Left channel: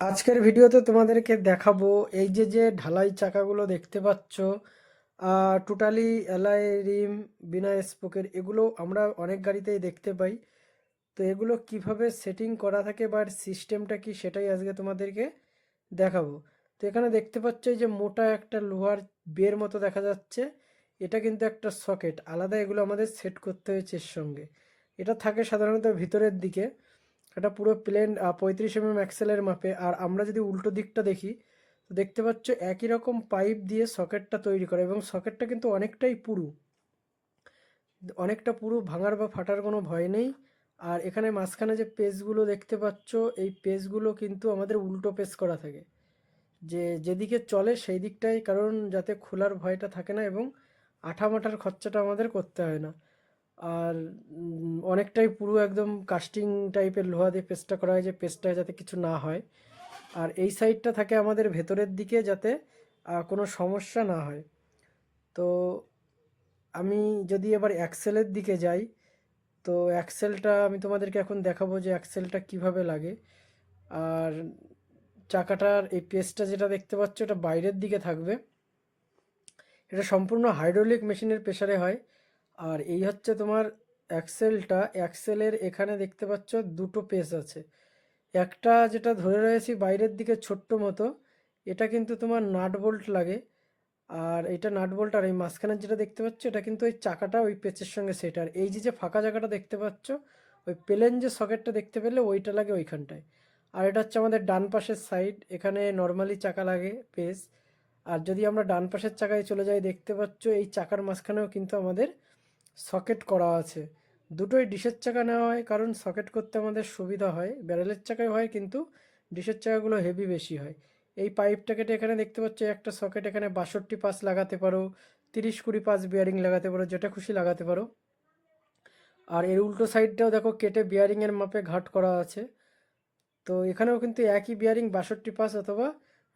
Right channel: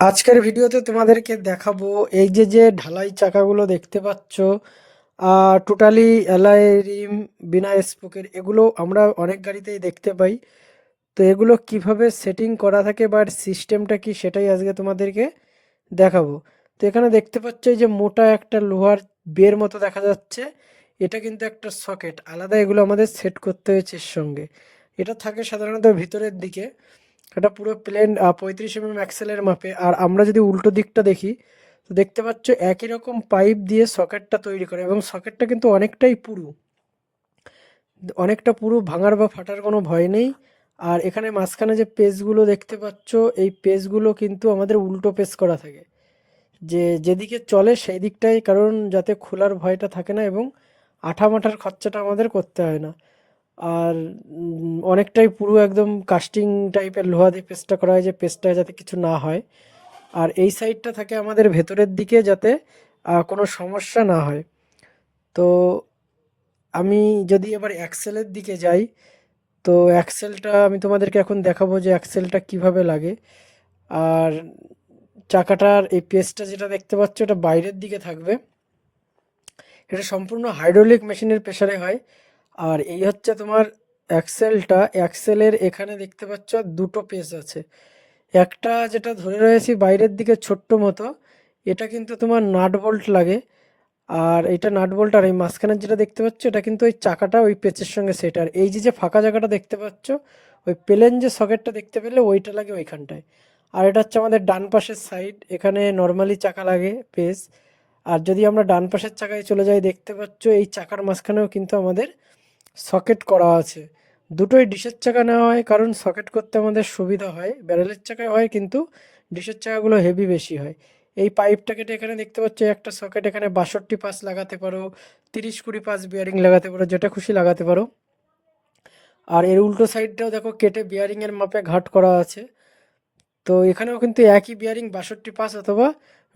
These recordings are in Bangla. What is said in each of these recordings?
আজকের ভিডিওতে তোমাদেরকে দেখাবো এই যে ঢালাই চাকাগুলো দেখতে পাচ্ছ, টোটালি অ্যালয় রিম, বিনা স্পোকের, এগুলো আমরা অনেক গাড়িতেই দেখতে পাই। তো এগুলো কিভাবে সেটিং করা থাকে বা সিস্টেমটা কি সেটাই আজকে তোমাদেরকে দেখাবো। তো এখানে দেখতে পাচ্ছ এই যে মোটা একটা লোহার বের মতো দেখা যাচ্ছে, এটা কিন্তু একটা সকেট আলাদা, এগুলো আমাদের সেট করতে হয়েছে এর সঙ্গে। এটা থাকে সাধারণত ভিতরের দিকে, এটা পুরো প্লেন 35 অ্যাক্সেলের মাপে। আর আমরা যদি উল্টো দিকটা দেখি, তো দেখতে পাচ্ছ একই রকম পাইপ দিয়ে সকেটটা তৈরি করে, এবং সকেটটা কিন্তু অনেকটা পুরু, ভাঙার বা ফাটার কোনো ভয় নেই। আর এখানে মাঝখানে যে পেজগুলো দেখতে পাচ্ছ, এই পেজগুলো কিন্তু আমাদের উল্টো পেজ করা থাকে, যে যেদিকে চলে সেই দিকটাই, কারণ যাতে খোলার ভয়টা থাকে না এবং আঠা মাঠার খরচাটা আমাদের করতে হয় না। আর অনেকটাই পুরো একদম কাস্টিং টাইপের লোহা দিয়ে পেস্টটা করা হয়, যে পেস্টটা যাতে কিছু না হয়। আর এই সাইডটা থাকে আমাদের ভেতরের দিকে, যাতে কোনো সমস্যা না হয়। তো আমি যদি এবার অ্যাক্সেলের দিকে যাই, তো অ্যাক্সেলটা আমি তোমাদেরকে এখন দেখাবো যে অ্যাক্সেলটা কিভাবে লাগে। আর চাকাটার এই পেস্টটা যেটা দেখতে পাচ্ছ, এটা বাইরের দিকে থাকবে। এটা সম্পূর্ণ হাইড্রোলিক মেশিনের প্রেসারে হয়। আর এই হচ্ছে তোমার অ্যাক্সেলটা, অ্যাক্সেলের এখানে দেখতে পাচ্ছ দুটো পেস আছে। একটা যেটা ধরে রয়েছি বাইরের দিকে ছোট্ট মতো, এটা কিন্তু তোমার নাট বোল্ট লাগে। আর এটা নাট বোল্ট, আর এই মাঝখানের যেটা দেখতে পাচ্ছ এটা কিন্তু ওই চাকাটা ওই পেচের সঙ্গে সেট। আর এই যে ফাঁকা জায়গাটা দেখতে পাচ্ছ, ওই প্লেন যে সকেটটা দেখতে পেলে ওইটা লাগে ওইখানটায়। আর এটা হচ্ছে আমাদের ডান পাশের সাইড, এখানে নর্মালি চাকা লাগে পেস। আর যদি আমরা ডান পাশের চাকায় চলে যাই, দেখতে পাচ্ছ এই চাকার মাঝখানেও কিন্তু আমাদের সকেট করা আছে। দুটোই ডিশের চাকা নেওয়া হয়, কারণ সকেট করতে আমাদের সুবিধা হয়। ব্যারেলের চাকায় হয় কিন্তু ডিশের চাকাগুলো হেভি বেশি হয়। এই পাইপটা কেটে এখানে দেখতে পাচ্ছ একটা সকেট, এখানে 62 পাস লাগাতে পারো, 30-20 পাস বিয়ারিং লাগাতে পারো, যেটা খুশি লাগাতে পারো। আর এর উল্টো সাইডটাও দেখো কেটে বিয়ারিংয়ের মাপে ঘাট করা আছে। তো এখানেও কিন্তু একই বিয়ারিং 62 পাস অথবা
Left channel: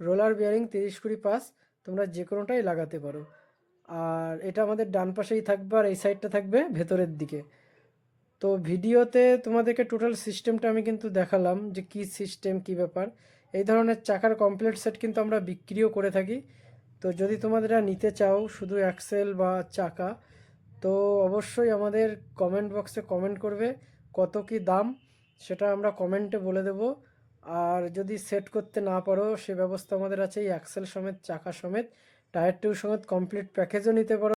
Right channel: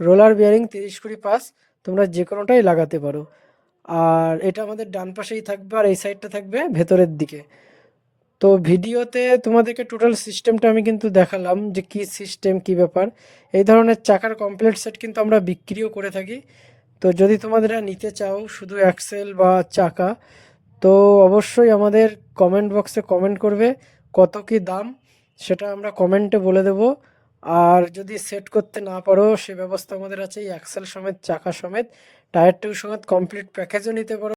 রোলার বিয়ারিং 30-20 পাস, তোমরা যে কোনোটাই লাগাতে পারো। আর এটা আমাদের ডান পাশেই থাকবে, আর এই সাইডটা থাকবে ভেতরের দিকে। তো ভিডিওতে তোমাদেরকে টোটাল সিস্টেমটা আমি কিন্তু দেখালাম যে কি সিস্টেম, কি ব্যাপার। এই ধরনের চাকার কমপ্লিট সেট কিন্তু আমরা বিক্রিও করে থাকি। তো যদি তোমাদের নিতে চাও শুধু অ্যাক্সেল বা চাকা, তো অবশ্যই আমাদের কমেন্ট বক্সে কমেন্ট করবে কত কি দাম, সেটা আমরা কমেন্টে বলে দেব। আর যদি সেট করতে না পারো, সে ব্যবস্থা আমাদের আছে, এই অ্যাক্সেল সমেত, চাকা সমেত, টায়ার টিউব সমেত কমপ্লিট প্যাকেজও নিতে পারো।